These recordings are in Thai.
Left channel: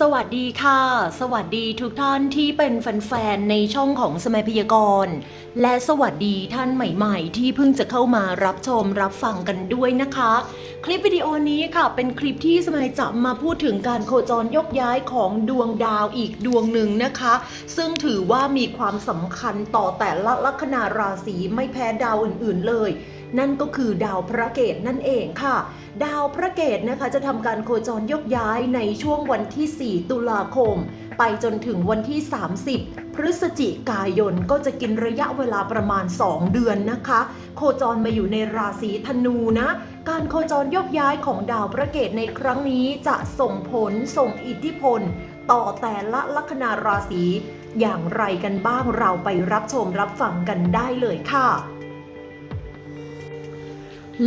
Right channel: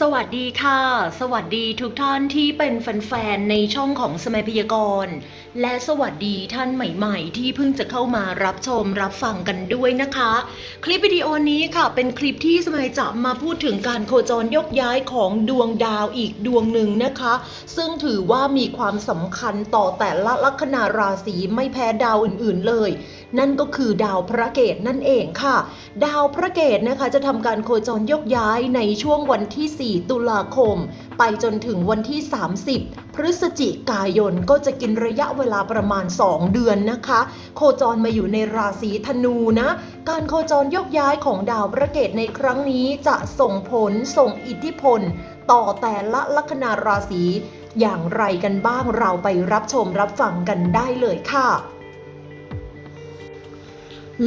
สวัสดีค่ะ สวัสดีทุกท่านที่เป็นแฟนๆในช่องของสมัยพยากรณ์และสวัสดีท่านใหม่ๆ ที่เพิ่งจะเข้ามารับชมรับฟังกันด้วยนะคะ คลิปวิดีโอนี้ค่ะ เป็นคลิปที่สมัยจะมาพูดถึงการโคจรยกย้ายของดวงดาวอีกดวงหนึ่งนะคะ ซึ่งถือว่ามีความสำคัญต่อแต่ละลัคนาราศีไม่แพ้ดาวอื่นๆเลย นั่นก็คือดาวพระเกตนั่นเองค่ะ ดาวพระเกตนะคะจะทำการโคจรยกย้ายในช่วงวันที่ 4 ตุลาคม ไปจนถึงวันที่ 30 พฤศจิกายนก็จะกินระยะเวลาประมาณ 2 เดือนนะคะ โคจรมาอยู่ในราศีธนูนะ การโคจรยกย้ายของดาวพระเกตในครั้งนี้จะส่งผลส่งอิทธิพล ต่อแต่ละลัคนาราศีอย่างไรกันบ้างเราไปรับชมรับฟังกันได้เลยค่ะ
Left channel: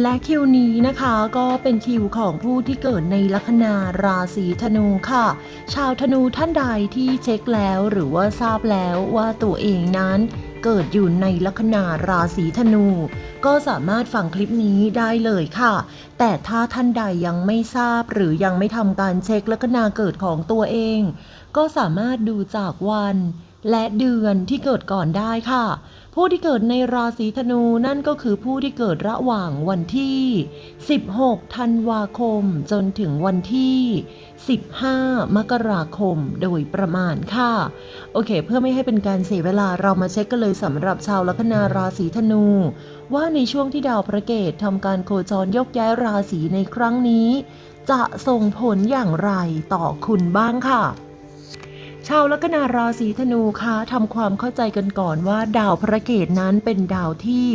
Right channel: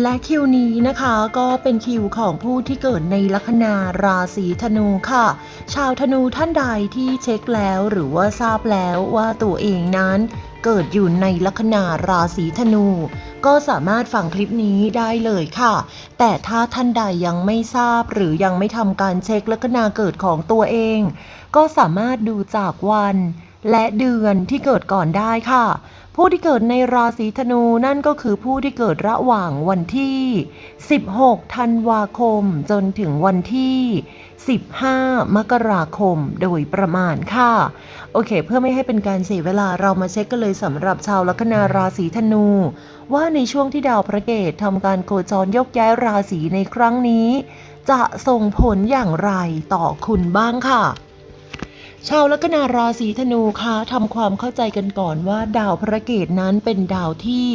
และคิวนี้นะคะก็เป็นคิวของผู้ที่เกิดในลัคนาราศีธนูค่ะ ชาวธนูท่านใดที่เช็คแล้วหรือว่าทราบแล้วว่าตัวเองนั้นเกิดอยู่ในลัคนาราศีธนู ก็สามารถฟังคลิปนี้ได้เลยค่ะ แต่ถ้าท่านใดยังไม่ทราบหรือยังไม่ทำการเช็คลัคนาเกิดของตัวเอง ก็สามารถดูจากวันและเดือนที่เกิดก่อนได้ค่ะ ผู้ที่เกิดในราศีธนูนั่นก็คือผู้ที่เกิดระหว่างวันที่ 16 ธันวาคม จนถึงวันที่ 15 มกราคมโดยประมาณค่ะ โอเค เพื่อไม่ให้เป็นการเสียเวลาเรามาเช็คกันเลยสำหรับชาวลัคนาราศีธนู ว่าในช่วงที่ดาวพระเกตทำการโคจรยกย้ายราศีในครั้งนี้ จะส่งผลอย่างไรต่อคุณบ้างค่ะ ชาวลัคนาราศีธนูคะทำความเข้าใจกันก่อนว่า ดาวพระเกตนั้นเป็นดาวที่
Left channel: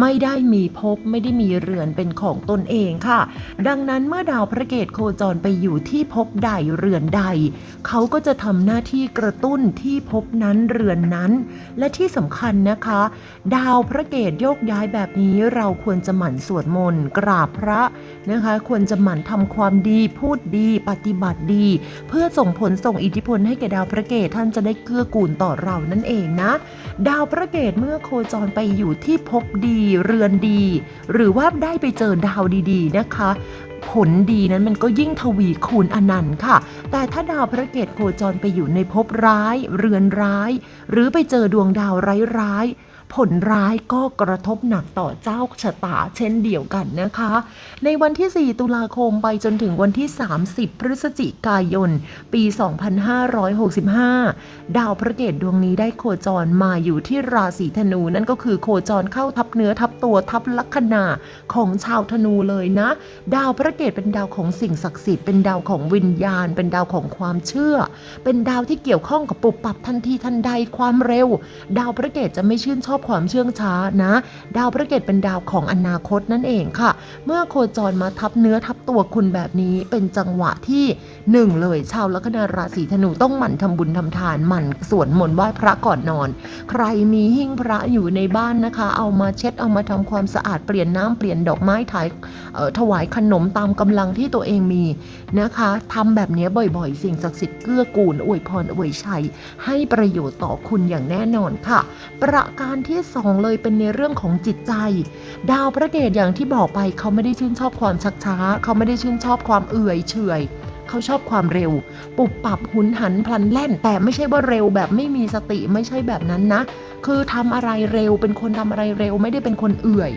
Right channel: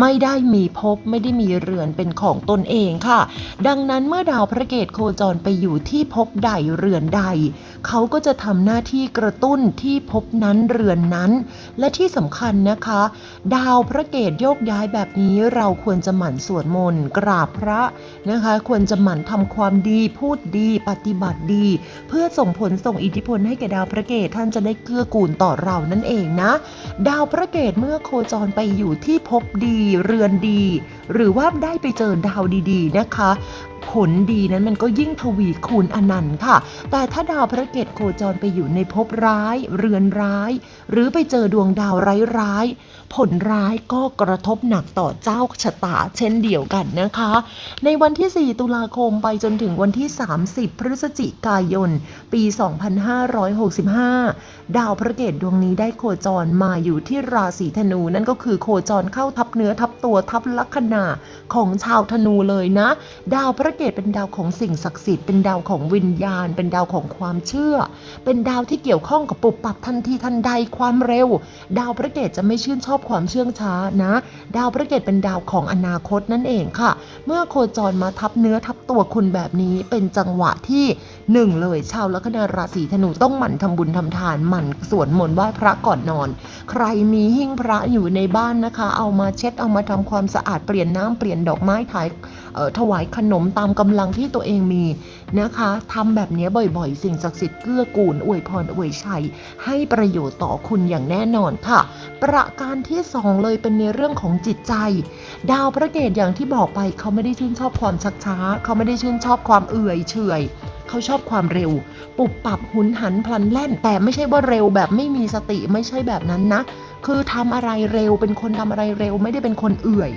ไม่ได้มีภพไม่ได้มีเรือนเป็นของตนเองค่ะ ดังนั้นเมื่อดาวพระเกตโคจรไปอยู่ที่ภพใดเรือนใด เขาก็จะทำหน้าที่กระตุ้นที่ภพนั้นเรือนนั้น และที่สำคัญนะคะ ดาวพระเกตโยกย้ายแบบนี้เราควรจะหมั่นสวดมนต์กราบพระนะคะ ควรจะหมั่นทำความดีพูดดีปฏิบัติดี เพื่อส่งผลส่งอิทธิพลให้แก่ดาวพระระเกตท่านจะได้เกื้อกูลต่อเรานั่นเองนะ ดาวพระเกตเมื่อโคจรไปอยู่ที่ภพดีเรือนดี หรือว่าได้ไปเจอดาวดีๆนะคะผลดีนั้นมันก็ยิ่งทวีคูณอนันต์ค่ะ แต่ถ้าดาวพระเกตโคจรไปอยู่ในภพร้าย เรือนร้าย หรือไปเจอดวงดาวร้ายๆผลร้ายก็กระทบหนักต่อเจ้าชะตาเช่นเดียวกันนะคะ ในวันที่ 4 ตุลาคมไปจนถึงวันที่ 30 พฤศจิกายน ปี 2565ดาวพระเกตดวงนี้ได้โคจรมาอยู่ที่ราศีธนูนั่นก็คือโคจรเข้าทับเนื้อทับตัวทับลัคนาของชาวธนูเลยนะ ดาวพระเกตเป็นดาวของสิ่งศักดิ์สิทธิ์เป็นดาวของวิญญาณ เป็นดาวของความเชื่อ เป็นดาวที่เกี่ยวข้องกับปุบปับทันทีทันใดความเร็ว ดาวพระเกตจะไม่ชื่นชอบความเชื่องช้านะ ดาวพระเกตเป็นดาวของอนาคตนั่นเองค่ะ เมื่อโคจรมาทับเนื้อทับตัวคุณแบบนี้เป็นจังหวะที่หนึ่งเลยชาวลัคนาราศีธนูต้องหมั่นทำบุญทำทานหมั่นสวดมนต์ไหว้พระก่อนนอน ใครมีหิ้งพระอยู่ในบ้านนะคะ เอามาเช็ดเอามาทำความสะอาดเปลี่ยนน้ำเปลี่ยนดอกไม้ถ่ายถวายขนมตามกำลังที่ตัวเองมีนะคะทำแบบนี้บ่อยๆ สิ่งศักดิ์สิทธิ์เกื้อกูลอวยพรอวยชัย ให้ประโยชน์ต่อคุณอย่างแน่นอนค่ะ ประการที่สองเลยเป็นในเรื่องของจิตใจ ดาวพระเกตอย่างที่บอกไปเขาไม่ได้ชื่นชอบความชักช้า เขาไม่ได้ชื่นชอบความเอื่อยเฉย เขาชอบความเร็ว ปุบปับหุนหันพลันแล่น แต่ไม่ใช่ว่าเร็วแบบไม่มีสติไม่ใช่แบบนั้นนะ คือทำอะไรเร็วเป็นคนทำอะไรเร็วไม่ได้เป็นคนเอื่อย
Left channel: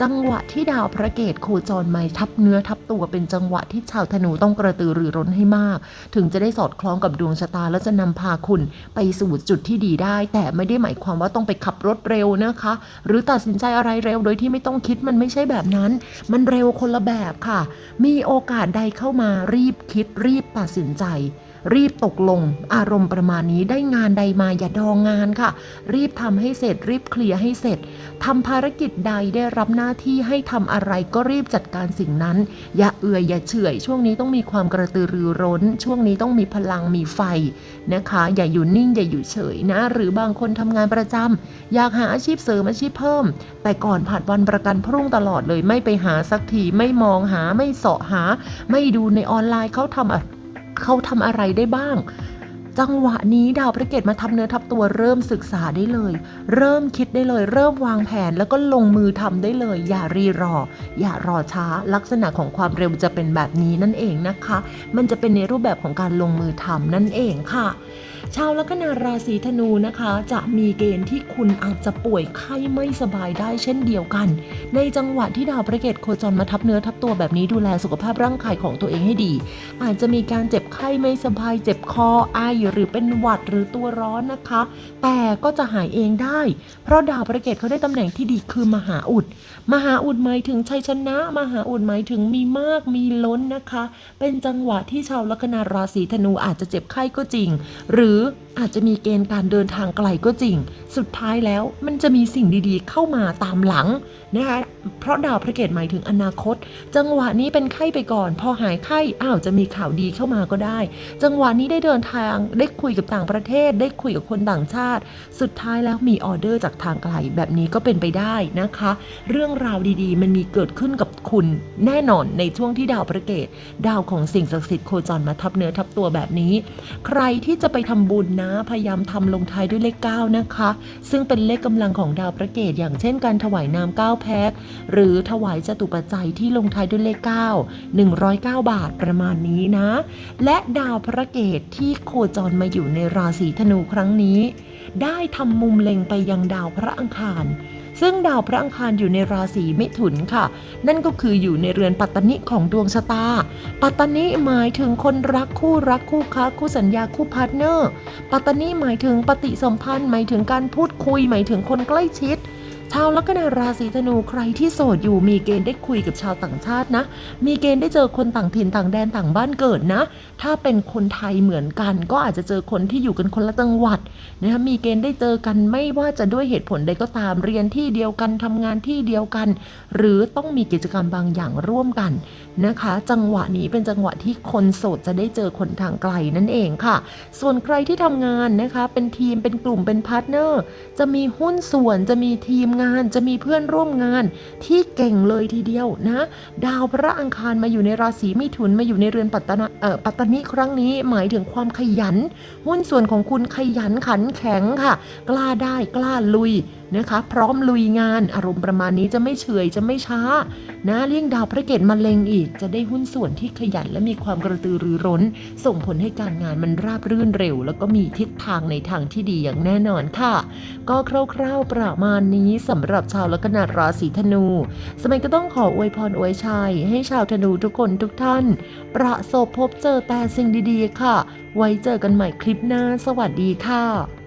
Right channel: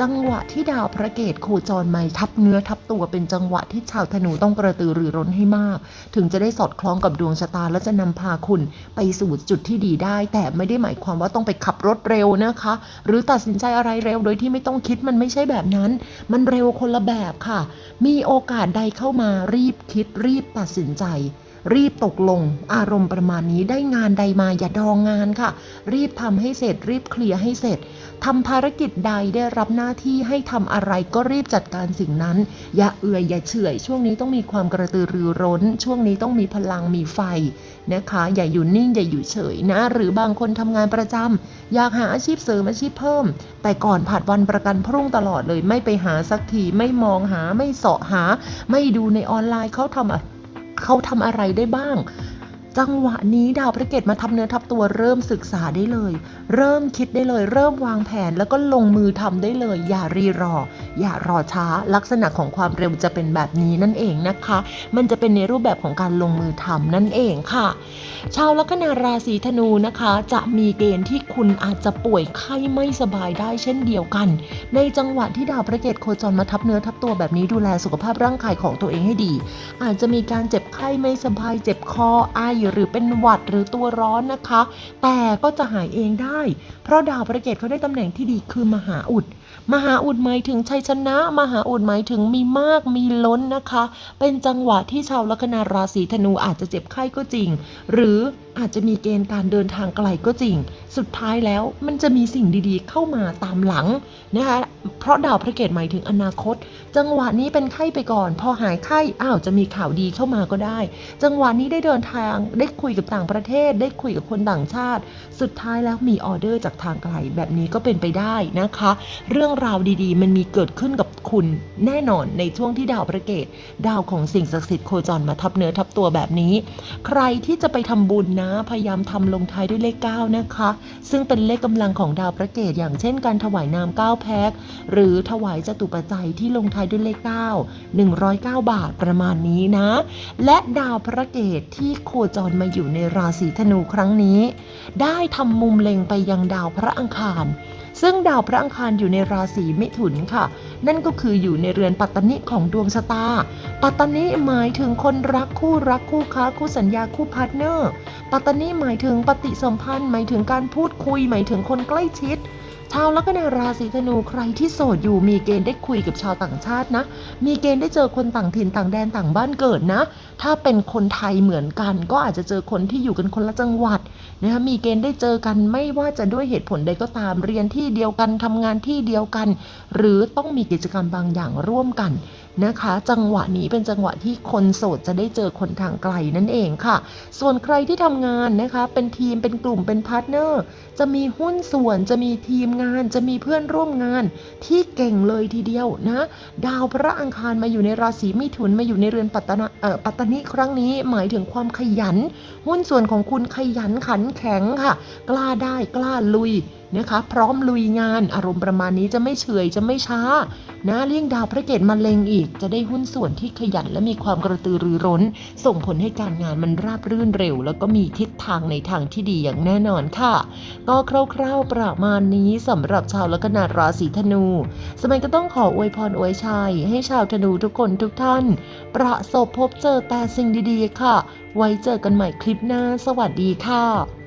จังหวะที่ดาวพระเกตโคจรไมาทับเนื้อทับตัวเป็นจังหวะที่ชาวธนูต้องกระตือรือร้นให้มาก ถึงจะได้สอดคล้องกับดวงชะตาและจะนำพาคุณไปสู่จุดที่ดีได้ แต่ไม่ได้หมายความว่าต้องไปขับรถเร็วนะคะ หรือตัดสินใจอะไรเร็วโดยที่ไม่ต้องคิดมันไม่ใช่แบบนั้น มันเร็วคนละแบบค่ะ มีโอกาสใดเข้ามารีบคิดรีบตัดสินใจ รีบตกลง อารมณ์ประมาณนี้ได้งานใดมาอย่าดองงานค่ะ รีบทำให้เสร็จ รีบเคลียร์ให้เสร็จทำภารกิจใดได้รับหน้าที่ให้ทำอะไรก็รีบจัดการสิ่งนั้น อย่าเอื่อยอย่าเฉื่อยช่วงนี้ต้องมีความกระตือรือร้น ช่วงนี้ต้องมีพลังมีไฟนะคะ อย่าอยู่นิ่งอย่าอยู่เฉยนะ หรือบางคนทำงานประจำอยากหาอาชีพเสริมอาชีพเพิ่ม แต่ก่อนผัดวันประกันพรุ่งตลอดเลยไม่ไปหาสักทีไม่มองหาไม่เสาะหา ไม่ดูในออนไลน์เขาทำอะ เขาทำอะไรได้บ้าง จังหวะนี้ดาวพระเกตมาทับเนื้อทับตัวเริ่มศึกษาได้เลย เริ่มคิดได้เลย เริ่มวางแผนแล้วก็ลงมือทำได้เลย อย่ารีรอ อย่ารอช้าลักษณะของความเร็วจะเป็นแบบนี้นั่นเองนะคะ มันจะเป็นในรูปแบบของการลงมือทำนั่นเองค่ะ ชาวลัคนาราศีธนูนะคะ จะมีเกณฑ์ที่คุณอาจจะป่วยไข้ไม่สบายได้เช่นเดียวกัน ในจังหวะที่ดาวพระเกตโคจรมาทับเนื้อทับตัวแบบนี้ดูแลสุขภาพร่างกายของตัวเองให้ดี อาจจะมีการเจ็บไข้ไม่สบายเจ็บคอไอหรือเป็นหวัดหรือตัวร้อนนะคะ แต่ก็จะหายเองได้ เพราะดาวพระเกตเขาได้ตำแหน่งที่ดีคือมหาอุด มหาอุดหมายถึงชัยชนะ มหาอุดหมายถึงมีมากมีล้นนะคะ เป็นจังหวะที่ชาวลัคนาราศีธนูอาจจะเจ็บไข้ก็จริง หรืออาจจะมีเกณฑ์การเดินทางไกลก็จริง สุดท้ายแล้วมันจะมีสิ่งดีๆ เข้ามาตามหลังนะคะ เพราะดาวพระเกตหมายถึงอนาคต จังหวะนี้เป็นไข้ไปก่อน พอหายไข้อ้าวจะมีข่าวดีเข้ามาก็ได้ จังหวะนี้ได้เดินทางได้คุยกับต่างประเทศ ได้คุยกับคนต่างชาติ สุดท้ายแล้วมีออเดอร์จากทางไกลแบบนี้ก็เป็นไปได้นะคะ เรื่องราวดีๆ มันมีเกิดขึ้นกับคุณแน่นอนในช่วงที่ดาวพระเกตดาวของสิ่งศักดิ์สิทธิ์โคจรมาทับเนื้อทับตัวแบบนี้ ใครที่จะไปทำบุญนะ พยายามทำลงท้ายด้วยเลข9นะคะ ซึ่งเป็นเลขกำลังของดาวพระเกตอย่างเช่นการถวายน้ำ9แพ็คหรือถวายจตุปัจจัยที่ลงท้ายด้วยเลข9 109 บาทประมาณนี้นะ และดาวพระเกตที่โคจรมาอยู่ในราศีธนูครั้งนี้ ได้ทำมุมเล็งไปยังดาวพระอังคาร ซึ่งดาวพระอังคารอยู่ในราศีมิถุนค่ะ นั่นก็คืออยู่ในเรือนปัตตนิของดวงชะตา ปัตตนิหมายถึงคนรักคู่รักคู่ค้าคู่สัญญาคู่พาร์ทเนอร์ ปัตตนิหมายถึงปฏิสัมพันธ์ หมายถึงการพูดคุย หมายถึงคนใกล้ชิด ชาวลัคนาราศีธนูใครที่โสดอยู่มีเกณฑ์ได้คุยกับชาวต่างชาตินะ มีเกณฑ์ได้เจอคนต่างถิ่นต่างแดนต่างบ้านเกิดนะ ถ้าเป็นคนไทยเหมือนกัน ก็อาจจะเจอคนที่อยู่กันคนละจังหวัดนะคะมีเกณฑ์ได้เจอกันไม่ว่าจะด้วยเหตุผลใดก็ตามเรียนที่เดียวกันทำงานที่เดียวกัน หรือต้องมีกิจกรรมบางอย่างร่วมกันนะคะ จังหวะนี้เป็นจังหวะที่คนโสดจะได้เจอคนทางไกลนั่นเองค่ะ ส่วนใครที่ทำงานนะคะ เป็นทีมเป็นกลุ่มเป็นพาร์ทเนอร์จะมีหุ้นส่วนจะมีทีมงานจะมีเพื่อนร่วมงานที่เก่งเลยทีเดียวนะ ดาวพระอังคารมาอยู่ในราศีมิถุนมาอยู่ในเรือนปัตตนาเออปัตตนิครั้งนี้หมายถึงความขยัน หุ้นส่วนของคุณขยันขันแข็งค่ะ กล้าได้กล้าลุย นะคะพร้อมลุยงานอารมณ์ประมาณนี้จะไม่เฉยจะไม่ช้านะเลี่ยงดาวพระเกตมาเลงอีก จะได้หุ้นส่วนที่ขยันและมีความกระตือรือร้น ส่งผลให้การงานมันราบรื่นเร็ว แล้วก็มีทิศทางในทางที่ดีอย่างแน่นอนค่ะ ก็คร่าวๆประมาณนี้สำหรับชาวลัคนาราศีธนู สมัยก็ต้องขออวยพรอวยชัยให้ชาวธนูทุกคนทุกท่าน ประสบพบเจอแต่สิ่งดีๆค่ะ ไว้เจอกันใหม่คลิปหน้า สวัสดีค่ะ